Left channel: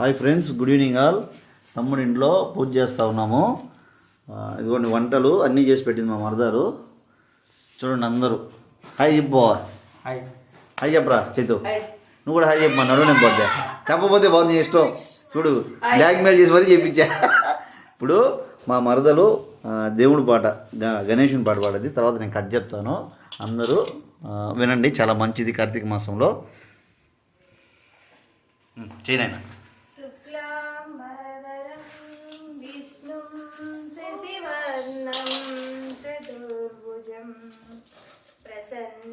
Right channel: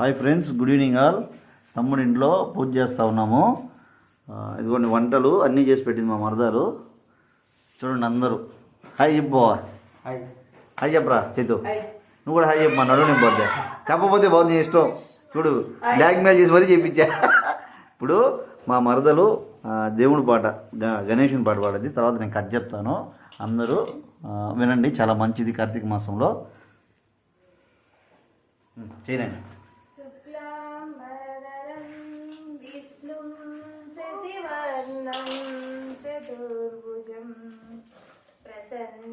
Hi friends, good evening all. తమ్ముడి ఇంట్లో పూజ చేస్తూ ఉన్నాము. ఇదిగోండి వంటలు అన్నీ చేసి పెట్టింది మా మరదారు. చూడండి అందరూ హాయ్ చెప్పు. హాయ్ హాయ్ చెప్పరా చేతు. నువ్వు కూడా హాయ్ చెప్పు. మా నడువు నేను పోతే చెప్పబోతే బాగుంది, నీ ఇష్టం. చూడు బ్లాక్మెయిల్ చేసి మరీ చెప్పించా. ఇప్పుడు మా మరదలు దేవుడి పాట గణేషుని పాట పాడేది. తర్వాత నేను కట్ చెప్తాను, అందరూ వినండి. చాలా మంచిది కార్తీక మాసంలో. చేయనైనా చతుర్భుజం ప్రసన్నవదనం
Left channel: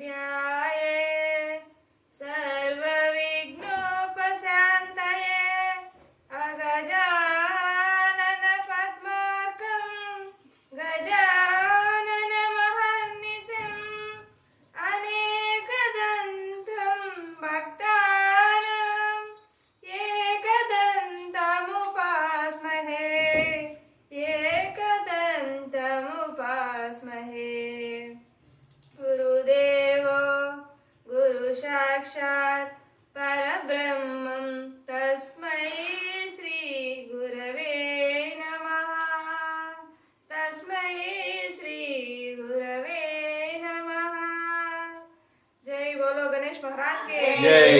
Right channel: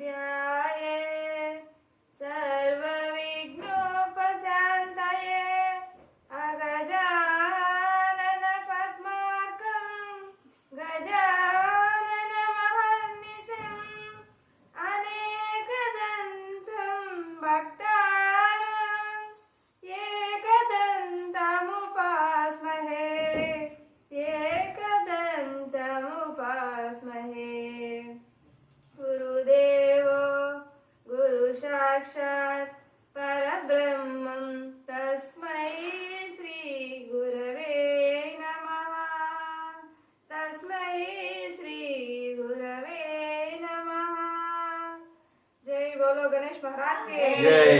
ధ్యాయే సర్వవిఘ్నోపశాంతయే అగజానన పద్మార్కం గజానన మహర్నిశం అనేకదంతం భక్తానాం ఏకదంతముపాస్మహే గురుదేవో గురు సాక్షాత్ పరబ్రహ్మం తస్మై శ్రీ గురవే నమః. తస్మై శ్రీ గురవే నమః. జై బోలో గణేష్ మహారాజ్ కే జై.